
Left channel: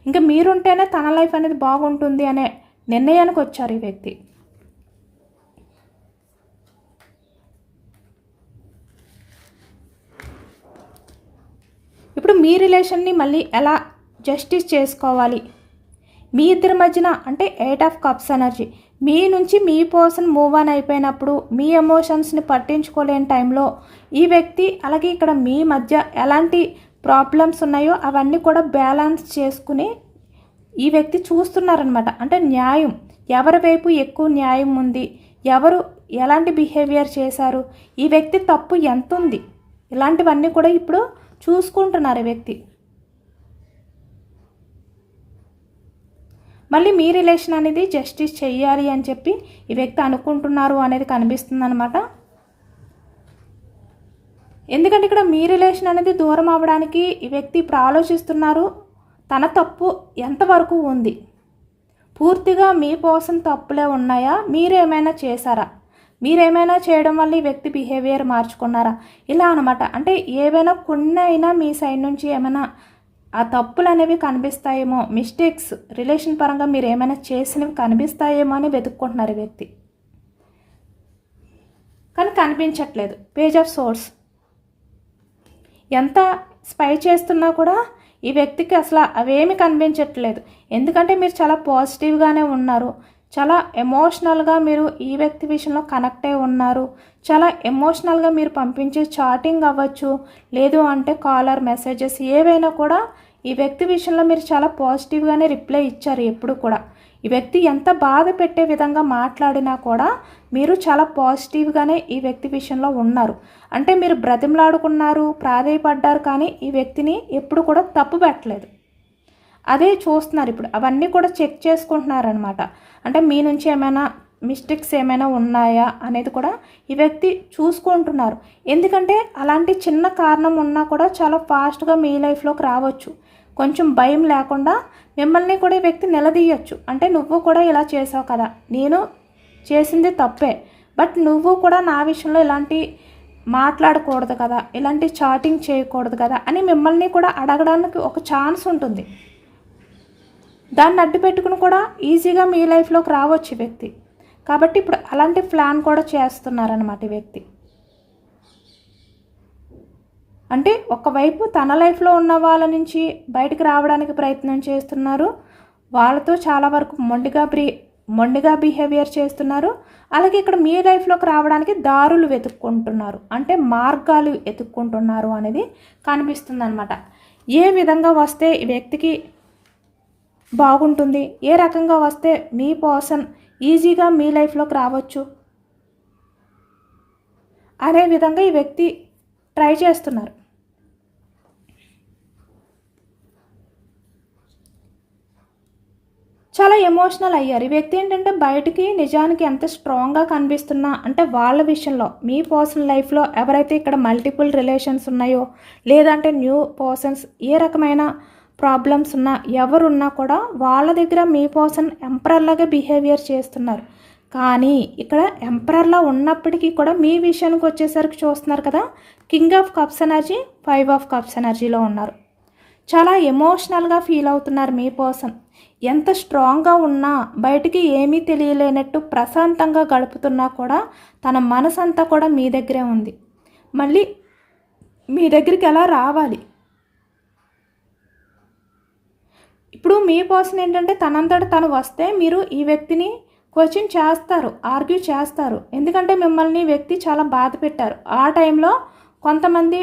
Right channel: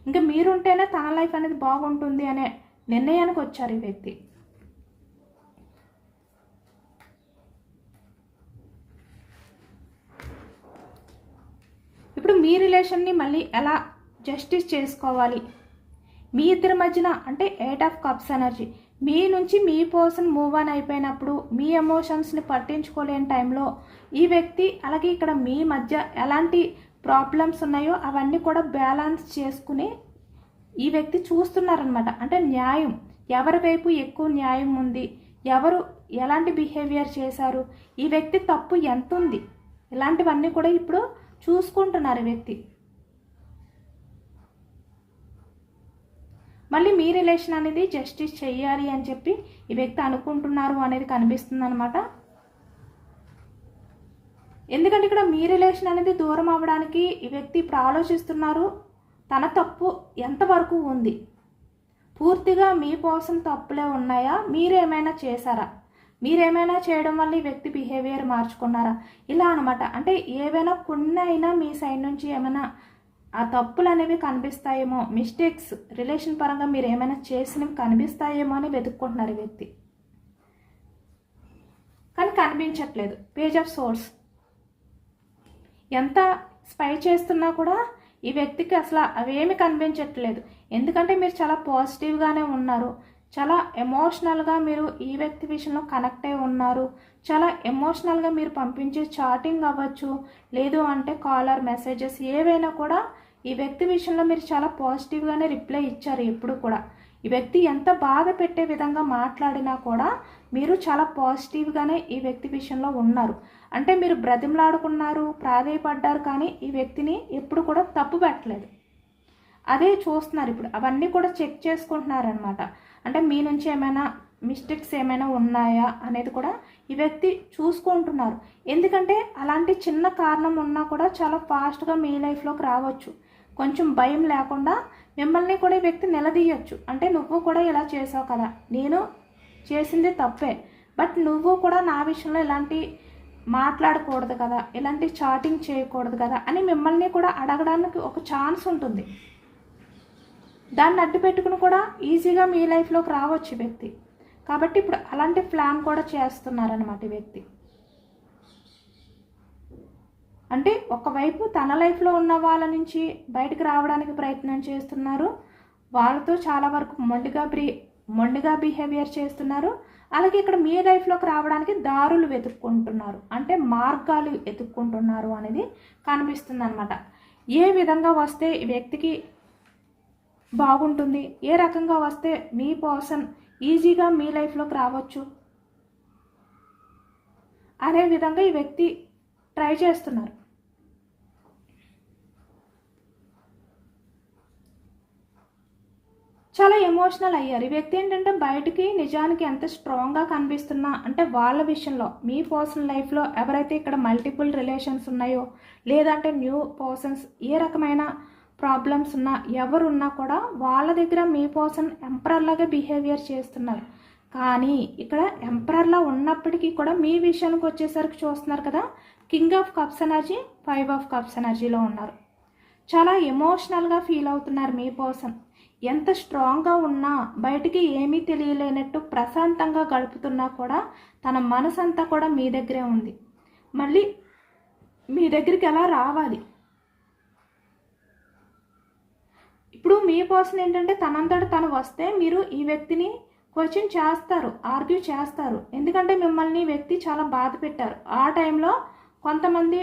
ఇంకా మీరుంటేనే తన లైఫ్ అనేది బాగుంటుంది అనే నిర్ణయానికి వచ్చారు ఈ వ్యక్తి. ఇప్పుడు మీ రిలేషన్ని మళ్ళీ ఎలా జస్టిస్ చేసుకోవాలి, మీ ఇద్దరి మధ్యన అంటే 8 ఆఫ్ కప్స్ ఎనర్జీ మీ నుంచి మీ పర్సన్ మూవ్ ఆన్ అయిపోయినప్పుడు మీ ఎమోషన్స్ని పట్టించుకోలేని టైంలో ఈ వ్యక్తి అలాగే ఇక్కడ మీ మధ్య ఎలాంటి ప్రాబ్లమ్స్ ఉన్నాయో అవన్నీ కూడా బ్యాలెన్స్ చేసుకుని ఈ వ్యక్తి చూస్తున్నారనమాట. అంటే న్యాయం ఎవరి వైపు ఎక్కువ న్యాయం ఉంది, ఎవరు ఎలాంటి బిహేవియర్ చేశారు, ఈ వ్యక్తి తప్పు ఎంత ఉంది, ఇలాంటివన్నీ కూడా ఇప్పుడు చూసుకుంటున్నారు ఈ వ్యక్తి. మళ్ళీ మీ రిలేషన్ అనేది జస్టిస్ చెయ్యాలి అని చెప్పి ఈ వ్యక్తి అనుకుంటున్నారు అనేది కనిపిస్తుంది అనమాట. ఎందుకంటే ఇక్కడ మీ రిలేషన్ అనేది దూరం అవ్వడానికి ఈ వ్యక్తి ఇప్పుడు ఆలోచిస్తున్నారు. తన తప్పు ఎంతవరకు ఉంది, పూర్తిగా మీ పర్సన్ తప్పులే ఉన్నాయా, మీరేమైనా చేశారా, మీరేమైనా చేయడం వల్ల ఈ వ్యక్తి బిహేవియర్ మార్చుకున్నారా, ఇలా అనమాట. అంటే ఏవైనా కొన్ని అయినా మీ సైడ్ నుంచి ఏమైనా ఆ తప్పులు అనేవి కనిపిస్తాయేమో, మిస్టేక్స్ రిలేషన్ పరంగా మీరు ఏమైనా చేసినవి కనిపిస్తాయేమో అని వెతుక్కుంటున్నారు ఈ వ్యక్తి. కానీ కనిపించట్లేదు. పేజ్ ఆఫ్ సోర్స్ ఎంత స్పై చేస్తున్నా కూడా ఈ వ్యక్తికి అసలు అవేమి కనిపించట్లేదు. ఎందుకంటే మీరు చాలా పాజిటివ్గానే ఉన్నారు, చాలా ఎమోషనల్గా మీరు ఈ వ్యక్తి విషయంలో కనెక్ట్ అయి ఉన్నారు. చాలా ఎమోషనల్గా మీరు పంపించే చాటింగ్ అవ్వచ్చు, లేదు అంటే కాలర్ మెసేజెస్ ఏవైనా కూడా ఈ వ్యక్తి విషయంలో మీరు చాలా పాజిటివ్గానే రిప్లై ఇచ్చారు. ఎప్పుడు కూడా ఈ వ్యక్తి ఎంత బాధ పెట్టే విధంగా మాట్లాడినా కూడా మీరు చాలా పాజిటివ్గానే ఈ వ్యక్తి విషయంలో ఉన్నారు. అంటే మీరు బ్రతిమలాడుకున్నారు, ప్రాధేయపడ్డారు, కానీ ఈ వ్యక్తిని ఎప్పుడు కూడా తప్పు పెట్టలేదు. అదే చూస్తున్నారు ఇప్పుడు, అవన్నీ కూడా చెక్ చేసుకుంటున్నారనమాట. అంటే మీ నుంచి ఏమైనా మిస్టేక్స్ ఏమైనా ఉన్నాయా అనేది కూడా ఈ వ్యక్తి చూసుకుంటున్నారు. ఎందుకంటే అలాంటి చిన్న కారణం ఉన్నా కూడా చాలా ఫాస్ట్గా మీ లైఫ్లోకి రావచ్చు. కొంచెం భయం లేకుండా మిమ్మల్ని కూడా ఈ వ్యక్తి నిలదీయచ్చు. అంటే నువ్వు కూడా ఇలా చేసావు కదా, నేను చేసింది తప్పే, బట్ నువ్వు కూడా నా విషయంలో ఇలాంటి మాట్లాడకూడదు కదా, ఇలాంటి చాటింగ్ చేయకూడదు కదా అని మిమ్మల్ని కూడా అడగడానికి ఒక ఛాన్స్ ఉంటుంది. దాన్ని అడ్డు పెట్టుకుని కూడా ఈజీగా మీ లైఫ్లోకి రావచ్చు ఈ వ్యక్తి. కాబట్టి ఇప్పుడు అలాంటి ప్లాన్ కూడా చేస్తున్నారనమాట ఈ వ్యక్తి. అంటే ఒకవైపు తన లైఫ్లో ఉన్న వాళ్ళ నుంచి బయటకు రావడానికి ప్రయత్నం చేస్తున్నారు, వాళ్ళతో చాలా వరకు మొండిగా బిహేవియర్ చేస్తున్నారు. అలాగే ఇక్కడ మీ లైఫ్లోకి రావడానికి దారులు వెతుక్కుంటున్నారు, అంటే మార్గాలు వెతుక్కుంటున్నారు అనేది కనిపిస్తుంది అనమాట. ఏ విధంగా వస్తే ఈ వ్యక్తికి బాగుంటుంది, ఏ రకంగా వస్తే మీ పర్సన్ ఈజీగా మీ లైఫ్లోకి రావచ్చు అనే విధంగా ఈ వ్యక్తి ట్రై చేస్తున్నారు. చాలా ఎమోషనల్ అయ్యారు ఈ వ్యక్తి. ఏంటంటే బయటికి నిజానికి ఎంత స్ట్రాంగ్గా కనిపిస్తున్నా అంటే వాళ్ళ విషయంలో మీ పర్సనల్ లైఫ్లో ఎవరైతే ఇక్కడ మల్టిపుల్ రిలేషన్స్ ఉన్నాయో, లేదంటే న్యూ పర్సన్స్ ఏ రకమైన ప్రాబ్లమ్స్ ఉన్నా ఎవరున్నా కూడా వాళ్ళ దగ్గర మీ పర్సన్ ఎంపరర్లాగా బిహేవియర్ చేస్తున్నారు. కానీ ఇక్కడ ఎంపరర్లో ఉన్నప్పటికీ కూడా మీ విషయానికి వచ్చేసరికి చూస్తున్నారు కదా, king of cups energy, 5 of cups ఎనర్జీలో ఉన్నారు. చాలా ఎమోషనల్గా ఫీల్ అవుతున్నారు మీ పర్సన్. ఎంత స్ట్రాంగ్గా ఉన్నా, బయటికి ఏమీ తెలియలేనట్టు ప్రశాంతంగా గడుపుతున్నా కూడా తన మనసంతా కూడా మీ దగ్గరే ఉంది. మళ్ళీ మీ దగ్గరికి ఎలా రావాలి? ఇప్పుడు మీ పర్సన్ ఏంటంటే తనంతట తను వస్తే మీరు ఈ వ్యక్తిని క్వశ్చన్ చేస్తారు, ఆర్గ్యూ చేస్తారు. ఎందుకంటే మిమ్మల్ని వ్యక్తి చాలా బాధ పెట్టారు. ఆ టైంలో కొంతమంది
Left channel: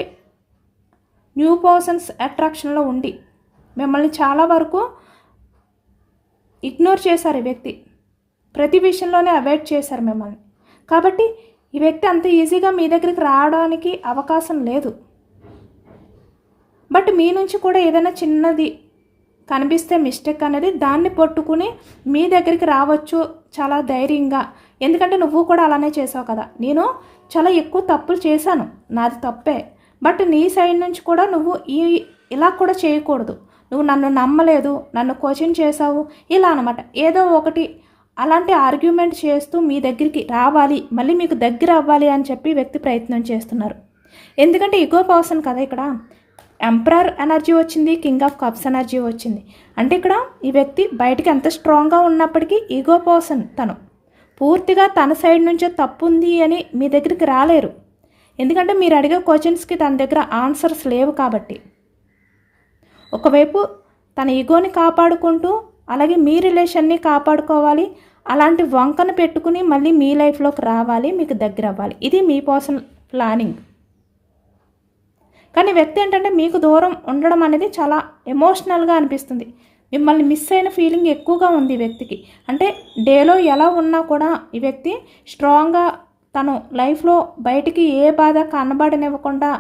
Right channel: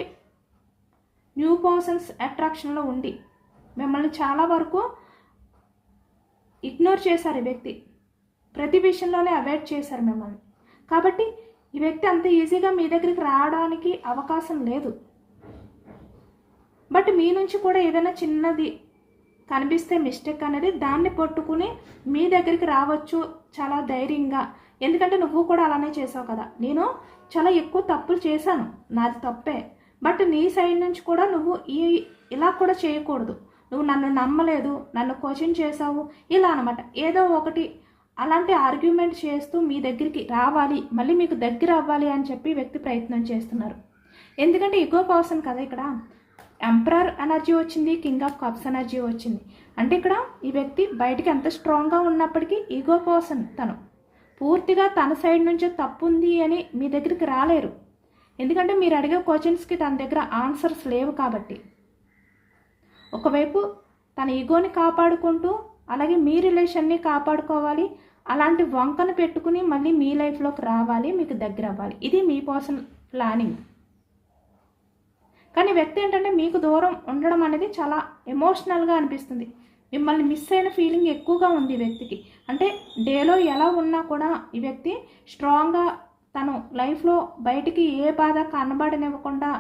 న్యూ పర్సన్స్ అట్రాక్షన్లో ఉండి మిమ్మల్ని చాలా వరకు ఇగ్నోర్ చేశారు. ఈ వ్యక్తి ప్రతి విషయంలోనే అవాయిడ్ చేశారు మిమ్మల్ని. కాబట్టి ఈ వ్యక్తి అంత ఈజీగా మీ దగ్గరికి రావడానికి అవకాశం లేదు. బట్ మీ నుంచి కూడా ఏదైనా చిన్నది కనిపిస్తే మిస్టేక్ అనేది దాన్ని పట్టుకుని మీ దగ్గరికి రావచ్చు చాలా ధైర్యంగా. ఎందుకంటే నువ్వు కూడా అలానే చేసావు కదా, నేను చాలా ఎక్కువ తప్పులు చేశాను, నాది తప్పే, బట్ నీ సైడ్ నుంచి కూడా నువ్వు ఇలా కూడా చేయకూడదు, నువ్వు నన్ను నమ్మలేదు, నన్ను క్వశ్చన్ చేసావు, ఇలా అనమాట. ఏదో ఒకటి అలాంటి ఆర్గ్యుమెంట్ చేస్తూ మీ దగ్గరికి రావాలి, మళ్ళీ మీకు దగ్గర అవ్వాలి అని చెప్పి వ్యక్తి ప్రయత్నం చేస్తున్నారు. ఎందుకంటే ఈగో పర్సన్ కదా, ఇక్కడ ఎంపరర్ ఎనర్జీ వచ్చింది, కింగ్ ఆఫ్ కప్స్ ఎనర్జీ వచ్చింది. అంటే ఇక్కడ ఈ వ్యక్తి బయటికి ఎంత స్ట్రాంగ్గా ఉన్నప్పటికీ ఈగో పర్సన్ తను పూర్తిగా తన సైడ్ నుంచే తప్పు ఉంది అని మీ దగ్గరికి రాలేరు. ఎందుకంటే మీరు అడిగే క్వశ్చన్స్కి తన దగ్గర ఆన్సర్స్ లేవు కాబట్టి. ఒకవైపు తన ఈగోని కాపాడుకుంటూ అలాగే మీ రిలేషన్ని కాపాడుకోవాలి, అలాంటి వంకను పెట్టుకుని మళ్ళీ మీ లైఫ్లోకి రావాలి, మీకు దగ్గర అవ్వాలి. ఇది మీ పర్సనల్ ప్లానింగ్. కానీ వ్యక్తి ఏంటంటే మీకు దూరం ఉండడం అనేది చాలా ఎమోషనల్గా అనిపిస్తుంది. మిమ్మల్ని మిస్ అయిన ఫీలింగ్ ఎక్కువగా ఉంది ఈ వ్యక్తికి. అంటే డేలో ఎలా ఉన్నా కూడా ఈ వ్యక్తి స్ట్రాంగ్గా తను లైఫ్లో బయటికి ఏ బాధ కనబడనివ్వకుండా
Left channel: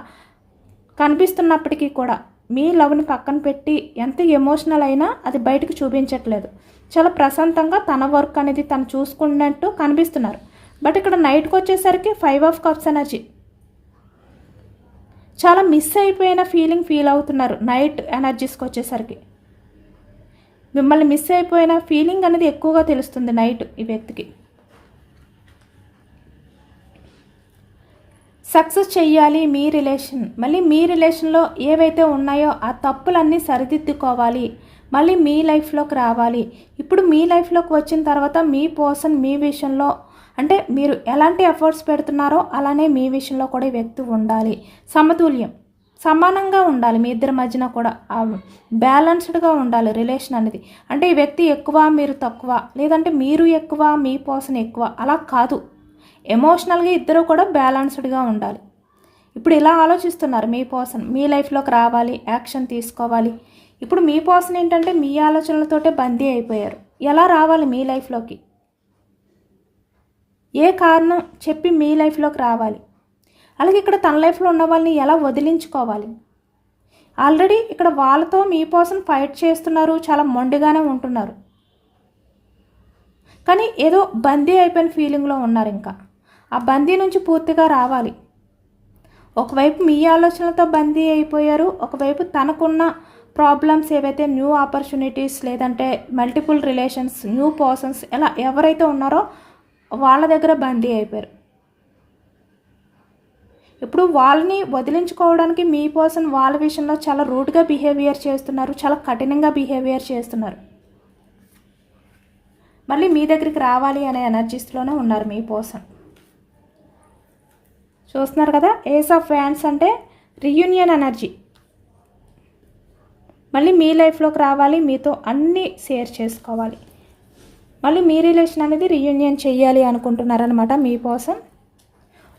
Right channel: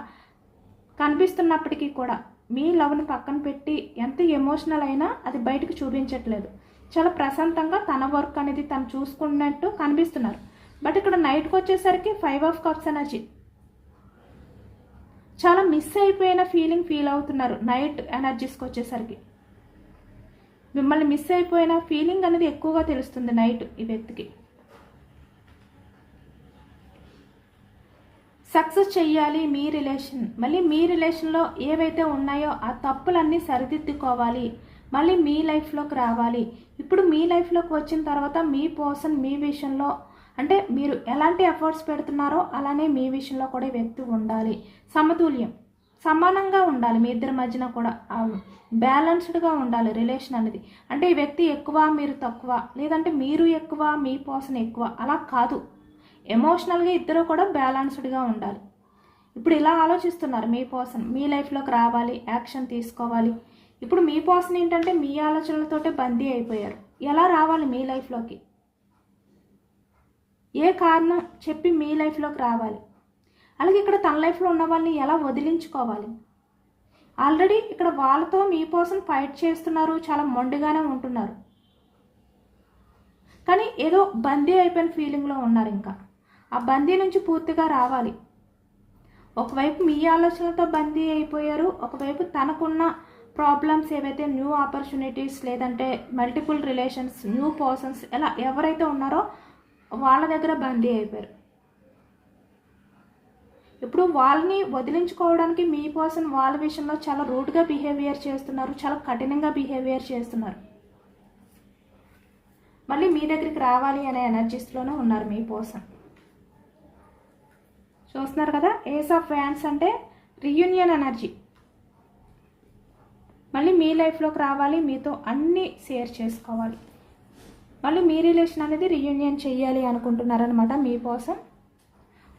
కనిపిస్తున్నప్పటికీ కూడా మీ లవ్ని పక్కన పెట్టి ఎంత ఎమోషనల్ అయినా అది బయటకు చూపించట్లేదు. చాలా ప్రశాంతంగా తన వర్క్ అనేది తను చూసుకున్నట్టు కనిపిస్తున్నారు. బట్ ఇక్కడ నైట్కి వచ్చేసరికి 5 ఆఫ్ కప్స్ ఎనర్జీ, చాలా మిస్ అయిపోయిన ఫీల్ అవుతున్నారు. నైట్ ఎనర్జీస్కి వచ్చేసరికి మిమ్మల్ని మిస్ అయిపోయిన ఫీలింగ్ అనేది ఎక్కువగా తెలుస్తుంది నైట్ ఈ వ్యక్తికి. సక్సెస్ చెయ్యాలి మీ రిలేషన్, మళ్ళీ మీ రిలేషన్లో ఏవైతే ఉన్నాయో ఆ తప్పులన్నీ సరిదిద్దుకోవాలి, మళ్ళీ మీ లైఫ్లోకి రావాలి. ఇప్పుడు మీ లైఫ్లోకి వచ్చిన తర్వాత మీ పర్సన్ మీ విషయంలో అంటే మీరు ఎలాంటి ఎఫర్ట్స్ పెడుతున్నారో అలానే మీ విషయంలో కూడా ఈ వ్యక్తి ఉండాలి. సమతుల్యం, సమానంగా ఉండాలి మీ ఇద్దరి మధ్యన కూడా, బ్యాలెన్స్డ్గా ఉండాలి రిలేషన్ అనేది. అంటే ఈ వ్యక్తి ఎక్కువ మీరు తక్కువ, లేదంటే మీరు ఎక్కువ మీ పర్సన్ ఎక్కువ, అలా కాదు. ఎమోషనల్గా ఇద్దరు కూడా బ్యాలెన్స్డ్గా ఉండాలి. ఇప్పుడు ఇలా ఆలోచిస్తున్నారు మీ పర్సన్ మీ లైఫ్లోకి రావాలి, యాక్షన్ తీసుకోవాలి. ఇప్పుడు మీ పర్సన్ ఏంటంటే మీ ఆలోచనలతోటే బందీ అయిపోయారు. ఎలా రావాలి మీ లైఫ్లోకి, ఏ కారణం చెప్పి మీ లైఫ్లోకి రావాలి, అలాగే ఇక్కడ తన లైఫ్లో ఉన్న వాళ్ళని ఎలా వదిలించుకోవాలి. ఆల్రెడీ ఇక్కడ వాళ్ళతో మీ పర్సన్ ఫైట్ చేస్తున్నారు, చాలా మొండిగానే ఉంటున్నారు, కానీ ఏదో బందీ అయిపోయిన ఫీలింగ్లో ఉన్నారు. ఇంకా ఆ బందీ నుంచి పూర్తిగా రావాలి. ఒకవైపు మీ ఆలోచనలతో బందీ అయిపోయారు, ఒకవైపు తనకున్న ప్రాబ్లమ్స్ ఏవైతే న్యూ ఆపర్చునిటీస్ లేదంటే మల్టిపుల్ రిలేషన్స్ న్యూ పర్సన్స్ ఇలా ఎవరైతే ఉన్నారో వాళ్ళ దగ్గర బందీ అయిపోయారు. ఇప్పుడు వాళ్ళని వదిలించుకోవడానికి మీ పర్సన్ వాళ్ళ విషయంలో చాలా రూడ్గా బిహేవియర్ చేస్తున్నారు, చాలా కఠినంగా బిహేవియర్ చేస్తున్నారు. మళ్ళీ మీ దగ్గరికి రావాలి అనే ఎనర్జీస్లోనే ఉన్నారు మీ పర్సన్. చూస్తున్నారు కదా, ఏస్ ఆఫ్ వ్యాండ్స్ అంటే రీయూనియన్ ఎనర్జీ. మళ్ళీ మీ లైఫ్లోకి రావాలి, మీతో అన్నీ షేర్ చేసుకోవాలి, మళ్ళీ మీ రిలేషన్ అనేది రీయూనియన్ చేయాలి అనుకుంటున్నారనమాట మీ పర్సన్.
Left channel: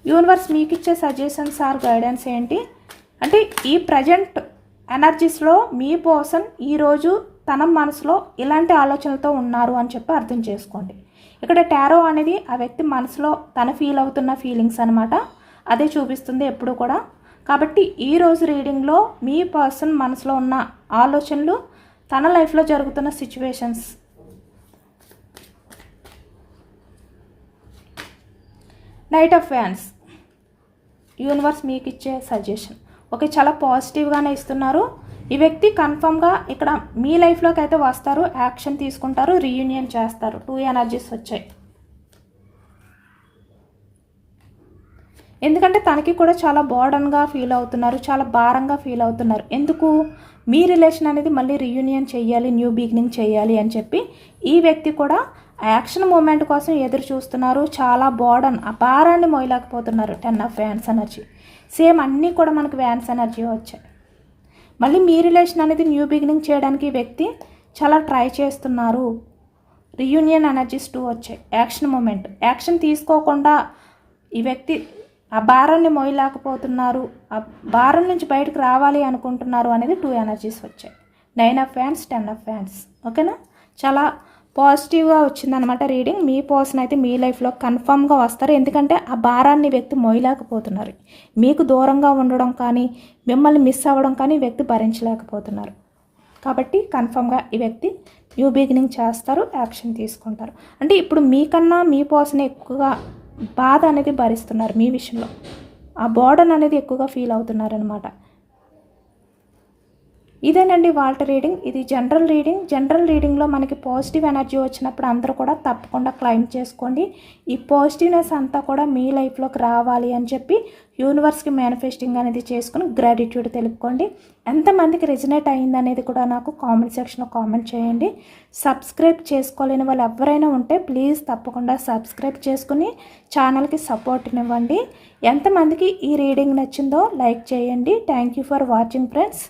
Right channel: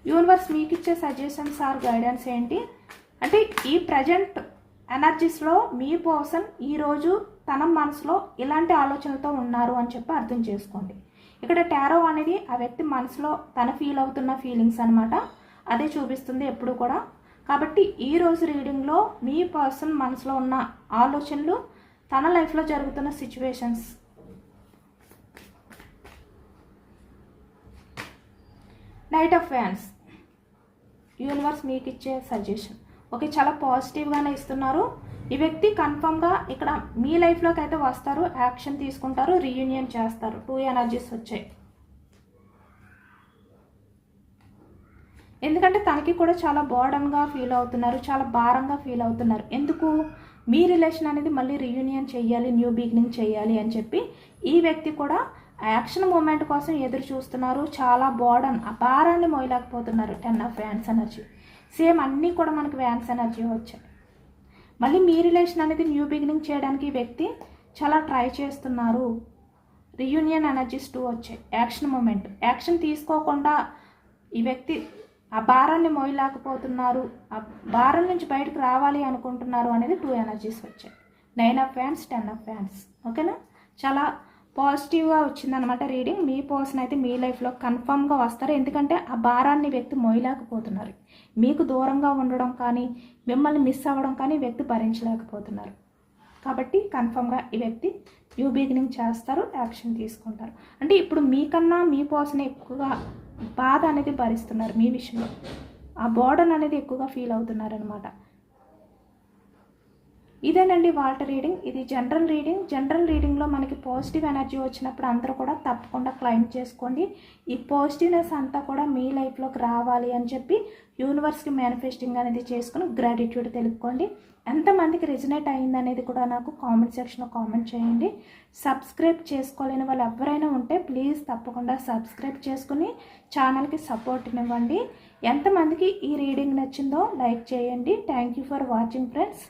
యూనివర్స్ మీకు ఇచ్చే సజెషన్స్ ఆర్ గైడెన్స్ ఏంటి అంటే, ఈ ప్రజెంట్ ఎనర్జీస్లో మీ పర్సన్ ఈరోజు తన మనసులో ఇలాంటి ఆలోచనలతో ఉన్నారు అని చెప్పి అర్థం చేసుకోండి. ఇక్కడ టారో అనేది ఆ వ్యక్తి మనసులో తన ఫీల్ అవుతున్న ఫీలింగ్స్ అనమాట, అదే చూపిస్తుంది ఎప్పుడు కూడా. కాబట్టి ఈరోజు రీడింగ్లో మీ పర్సన్ మనసులో ఉన్న ఆలోచనలు, తన లైఫ్లో జరుగుతున్న situations. Knight of wands, universe మీకు ఇచ్చే సజెషన్ ఓకే, చాలా పాజిటివ్గానే ఇస్తున్నారు. ఈ వ్యక్తి కన్ఫర్మ్గా ఇక్కడ మీ లైఫ్లోకి అయితే వస్తారు, యాక్షన్ తీసుకుంటారు, రీయూనియన్ చేస్తారు. 2 ఎనర్జీస్ వచ్చాయి. ఎందుకంటే తనకి కూడా చాలా బర్డన్గా ఫీల్ అవుతున్నారు, చాలా భారంగా ఫీల్ అవుతున్నారు. ఎందుకు? మీ రిలేషన్ అనేది మళ్ళీ రీయూనియన్ చేయాలి, న్యూ బిగినింగ్ చేయాలి అని చెప్పి ఈ వ్యక్తి కూడా యాక్షన్ మూమెంట్ కోసం ఎదురు చూస్తున్నారు. చాలా బర్డన్, ఆ భారాన్ని మోయలేకపోతున్నారు. 10 ఆఫ్ వ్యాన్స్ ఎనర్జీ. సేమ్ అన్నీ కూడా మనకు వ్యాన్స్ ఎనర్జీ వచ్చాయి. మళ్ళీ మీ రిలేషన్ అనేది న్యూ బిగినింగ్ చేయడానికి ఈ వ్యక్తి చాలా ట్రై చేస్తున్నారు. రీయూనియన్ ఎనర్జీస్ 2 వచ్చాయి. యాక్షన్ మూమెంట్, యాక్షన్ తీసుకోకుండా ఈ వ్యక్తి ఆ భారాన్ని మోయలేకపోతున్నారు, ఆ భారం నుంచి బయటకు రావాలి అనుకుంటున్నారు అనేది 2 ఎనర్జీస్ వచ్చాయి. 9 ఆఫ్ వ్యాన్స్, 10 ఆఫ్ వ్యాన్స్. ఓకేనా? చాలా పాజిటివ్గా వచ్చిందనమాట రీడింగ్. మీ పర్సన్ అయితే మీ లైఫ్లో కన్ఫామ్గా వస్తారు. ఎందుకంటే ఆ భారాన్ని వ్యక్తి మోయలేకపోతున్నారు. మీకు దూరంగా ఉండడం కానీ, మిమ్మల్ని మిస్ అవ్వడం కానీ ఈ వ్యక్తి భరించలేకపోతున్నారు. కాబట్టి కన్ఫామ్గా ఈ వ్యక్తి న్యూ బిగినింగ్ చేస్తారు, యాక్షన్ తీసుకుంటారు. అంటే ఇప్పుడు మీకన్నా మీ పర్సన్ ఎక్కువగా బాధ అనేది భరిస్తున్నారు మీ విషయంలో. ఆ బర్డన్ అనేది ఎక్కువగా ఫీల్ అవుతున్నారు అనమాట. ఇదేనండి వాళ్ళ రీడింగ్. ఇది జనరల్ రీడింగ్. జనరల్ రీడింగ్లో మనకి పాజిటివ్ ఎనర్జీ వచ్చినప్పుడు అందరూ కూడా తప్పకుండా క్లైమ్ చేసుకోండి. ఈ పాజిటివ్నెస్ అంతా కూడా మీ లైఫ్లోకి రావాలి అని చెప్పి యూనివర్స్కి మేనిఫెస్టింగ్ అనేది చేసుకుని గ్రాటిట్యూడ్ తెలుపుకోండి. ఎంతమందికి రెజినేట్ అయ్యింది అనేది కూడా నాకు కామెంట్ సెక్షన్లో కామెంట్ చేయండి. సబ్స్క్రైబ్ చేసుకోలేని వాళ్ళు ఎవరైనా ఉంటే ప్లీజ్ తప్పకుండా సబ్స్క్రైబ్ చేసుకుని ఛానల్కి సపోర్ట్ ఇవ్వండి. ఎంతమందికి ఈ రీడింగ్ నచ్చిందో లైక్ చేయండి. Thank you for watching friends.